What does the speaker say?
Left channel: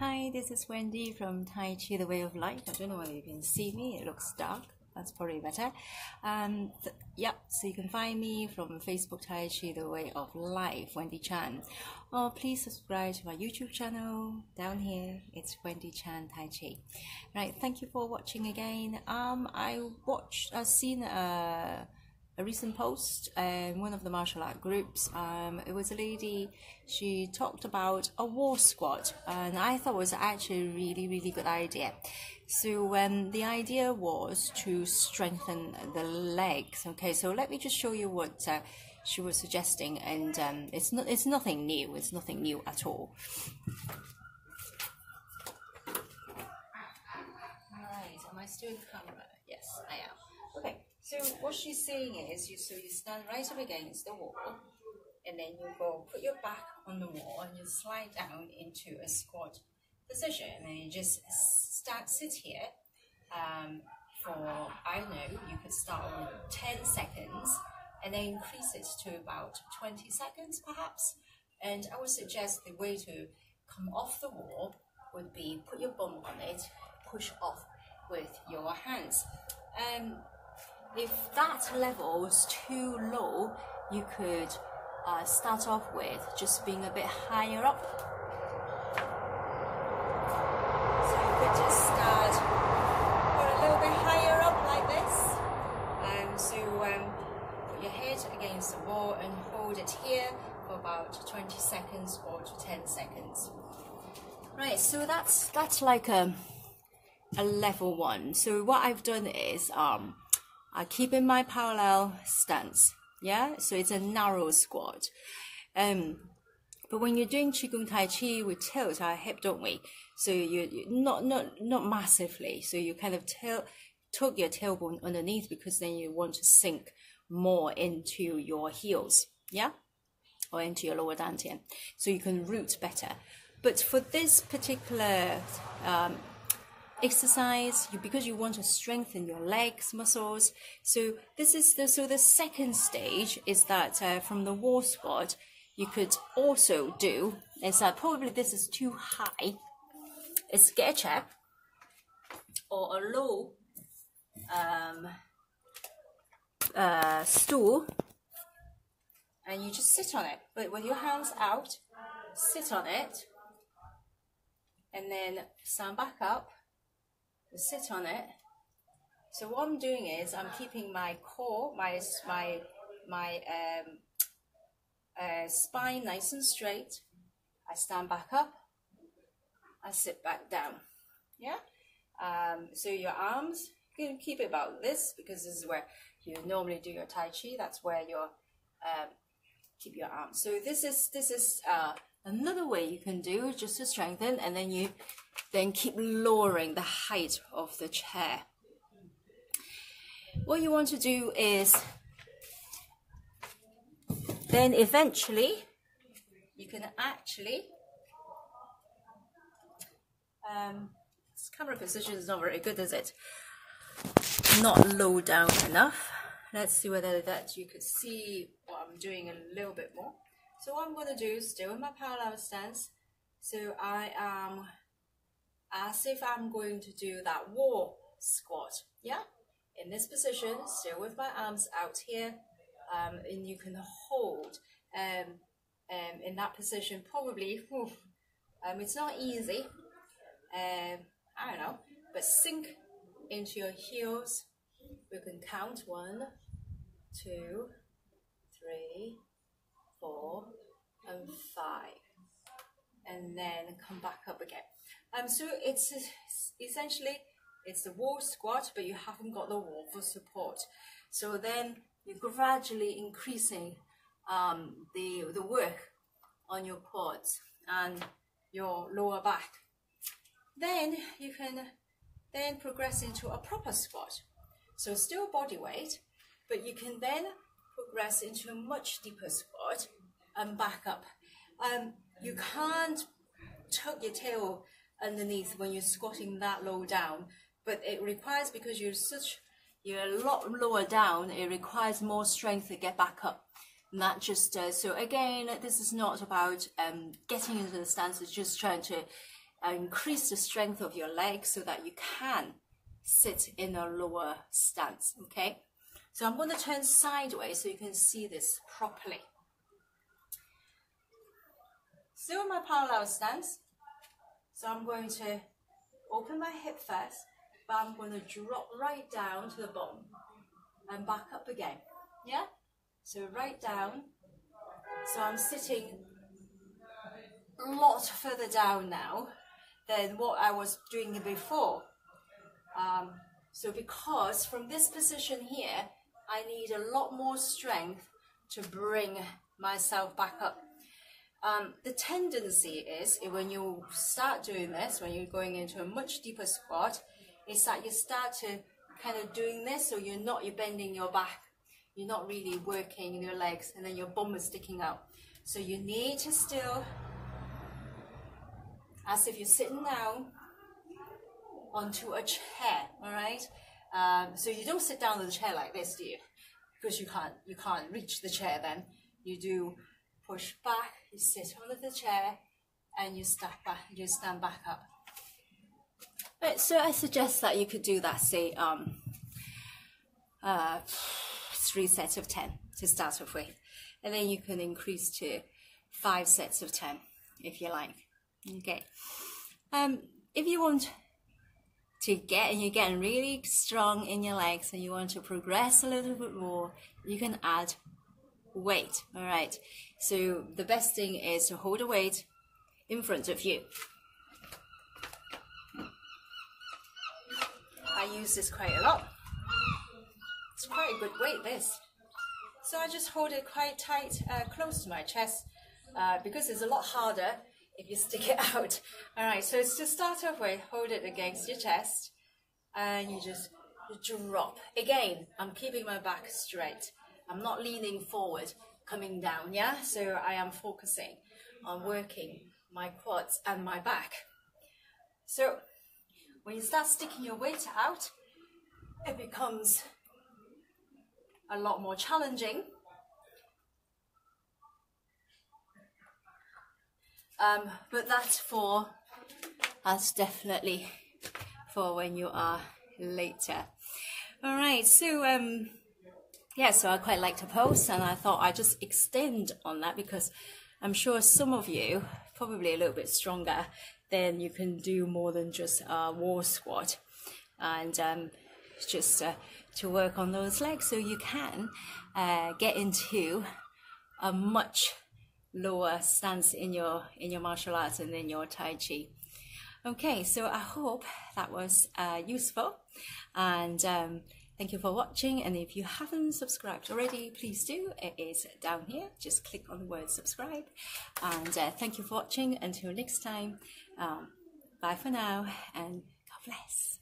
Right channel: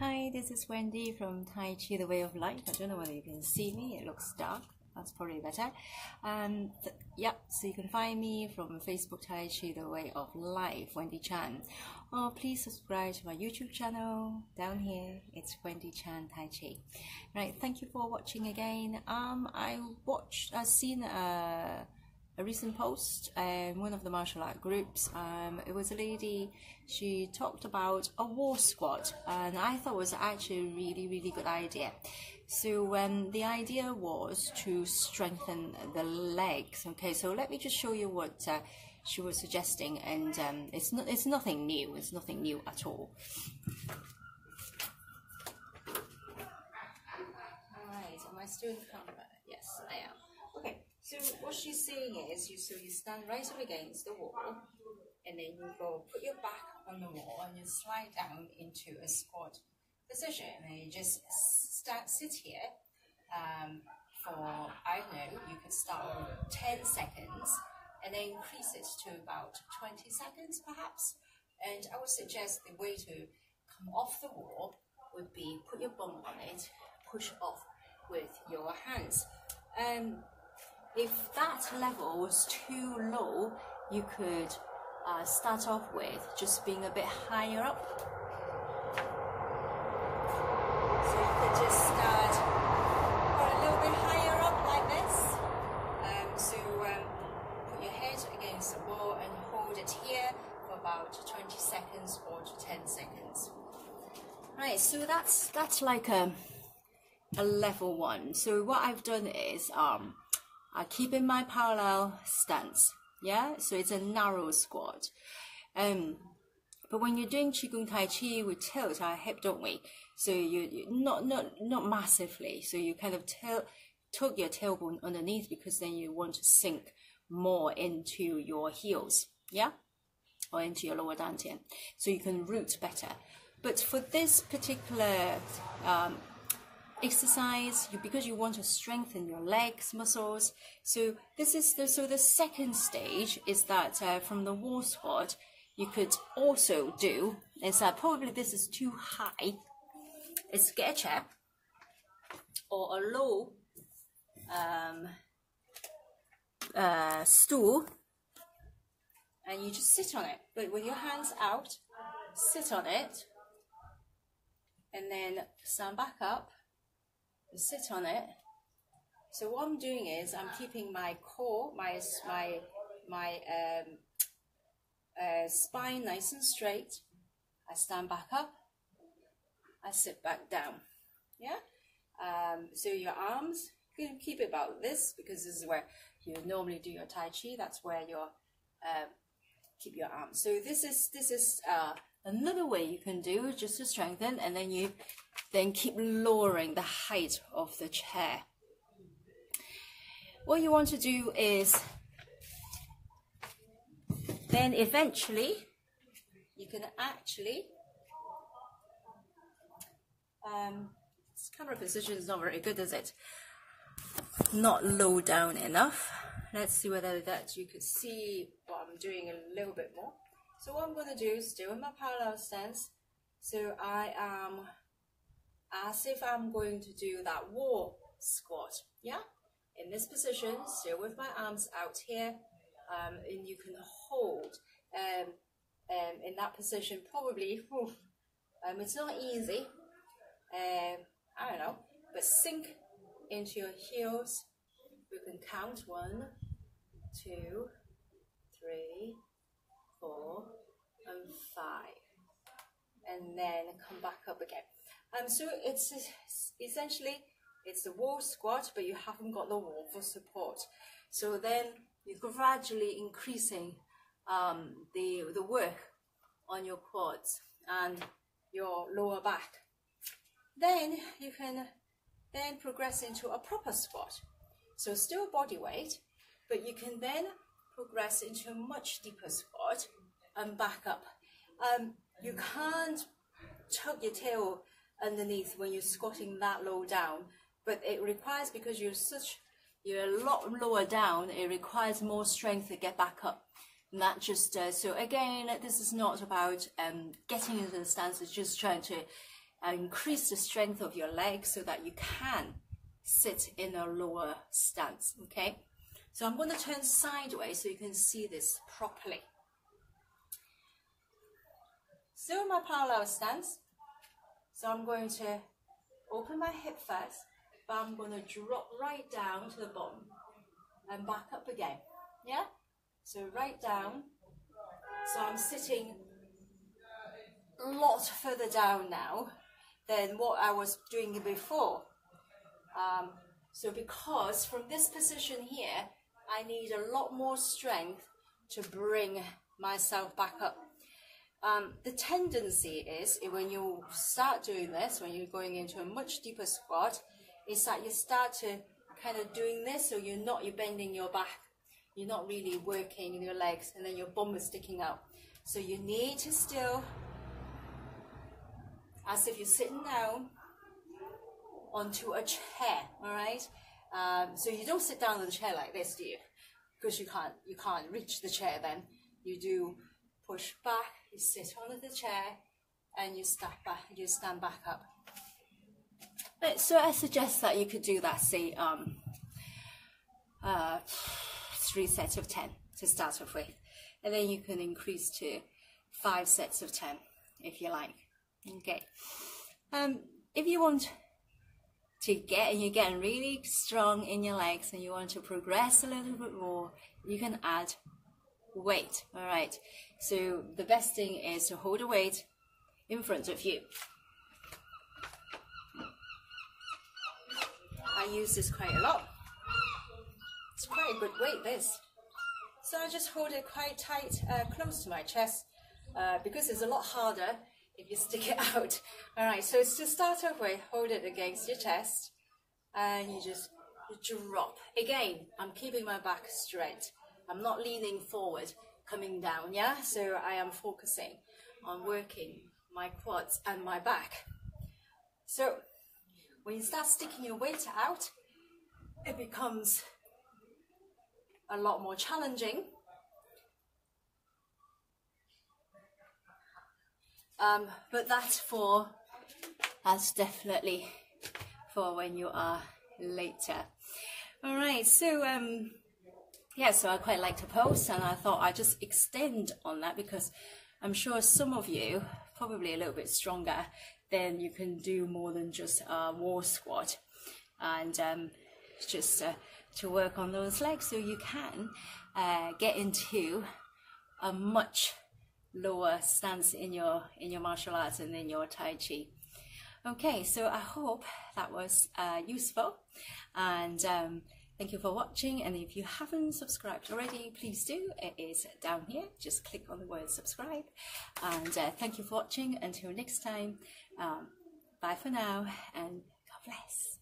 Hi, this is Wendy from Tai Chi The Way of Life. I don't know whether you can see me, it looks dark. That's probably better. So you can find me from Facebook Tai Chi The Way of Life, Wendy Chan. Or please subscribe to my YouTube channel. Down here, it's Wendy Chan Tai Chi. Right, thank you for watching again. I've seen a recent post in one of the martial art groups. It was a lady, she talked about a wall squat, and I thought it was actually a really good idea. So the idea was to strengthen the legs. Okay, so let me just show you what she was suggesting, and it's nothing new. It's nothing new at all. All right, am I still in camera? Yes, I am. Okay. So what she's saying is, you stand right up against the wall, and then you put your back on the wall, and you slide down into a squat position, and you just sit here for, I don't know, you could start with 10 seconds, and then increase it to about 20 seconds perhaps. And I would suggest the way to come off the wall would be put your bum on it, push off with your hands. If that level was too low, you could start off with just being a bit higher up. So you could just start a little bit higher up like this. Put your head against the wall and hold it here for about 20 seconds or to 10 seconds. Right, so that's like a level one. So what I've done is I keep in my parallel stance, yeah? So it's a narrow squat. But when you're doing Qigong Tai Chi, we tilt our hip, don't we? So you not massively. So you kind of tuck your tailbone underneath, because then you want to sink more into your heels, yeah? Or into your lower dantian, so you can root better. But for this particular exercise, because you want to strengthen your legs muscles, so this is the second stage is that from the wall squat, you could also do is that probably this is too high, is get a chair or a low stool, and you just sit on it, but with your hands out, sit on it, and then stand back up, sit on it. So what I'm doing is I'm keeping my core, my spine nice and straight. I stand back up, I sit back down, yeah? So your arms, you can keep it about this, because this is where you normally do your Tai Chi. That's where you keep your arms. So this is another way you can do just to strengthen, and then you keep lowering the height of the chair. What you want to do is then eventually you can actually this camera position is not very good, is it? Not low down enough. Let's see whether that you could see what I'm doing a little bit more. So what I'm going to do is still in my parallel stance. So I am as if I'm going to do that wall squat, yeah? In this position, still with my arms out here, and you can hold in that position probably, it's not easy, I don't know, but sink into your heels. We can count 1, 2, 3, 4, and 5, and then come back up again. So it's essentially it's the wall squat, but you haven't got the wall for support. So then you're gradually increasing the work on your quads and your lower back. Then you can then progress into a proper squat. So still body weight, but you can then progress into a much deeper squat and back up. You can't tuck your tail underneath when you're squatting that low down, but it requires, because you're a lot lower down, it requires more strength to get back up. Not just so again, this is not about getting into the stance, it's just trying to increase the strength of your legs so that you can sit in a lower stance, okay? So I'm going to turn sideways so you can see this properly. Still in my parallel stance, so I'm going to open my hip first, but I'm going to drop right down to the bottom and back up again, yeah? So right down, so I'm sitting a lot further down now than what I was doing before. So because from this position here, I need a lot more strength to bring myself back up. The tendency is when you start doing this, when you're going into a much deeper squat, is that you start to kind of doing this, so you're bending your back, you're not really working your legs, and then your bum is sticking out. So you need to still, as if you're sitting down onto a chair, all right? So you don't sit down on the chair like this, do you? Because you can't reach the chair then. You do push back, you sit under the chair, and you stand back up. Right, so I suggest that you could do that, say, 3 sets of 10 to start off with. And then you can increase to 5 sets of 10 if you like. Okay. If you want to you're getting really strong in your legs and you want to progress a little bit more, you can add weight. All right. So the best thing is to hold a weight in front of you. I use this quite a lot. It's quite a good weight, this. So I just hold it quite tight, close to my chest, because it's a lot harder if you stick it out. All right, so it's to start off with, hold it against your chest, and you just drop. Again, I'm keeping my back straight. I'm not leaning forward, coming down, yeah? So I am focusing on working my quads and my back. So when you start sticking your weight out, it becomes a lot more challenging. But that's definitely for when you are later. All right, so yeah, so I quite like to pose, and I thought I'd just extend on that because I'm sure some of you, probably a little bit stronger, then you can do more than just a wall squat, and just to work on those legs so you can get into a much lower stance in your martial arts and in your Tai Chi. Okay, so I hope that was useful, and thank you for watching. And if you haven't subscribed already, please do. It is down here. Just click on the word subscribe. And thank you for watching. Until next time, bye for now, and God bless.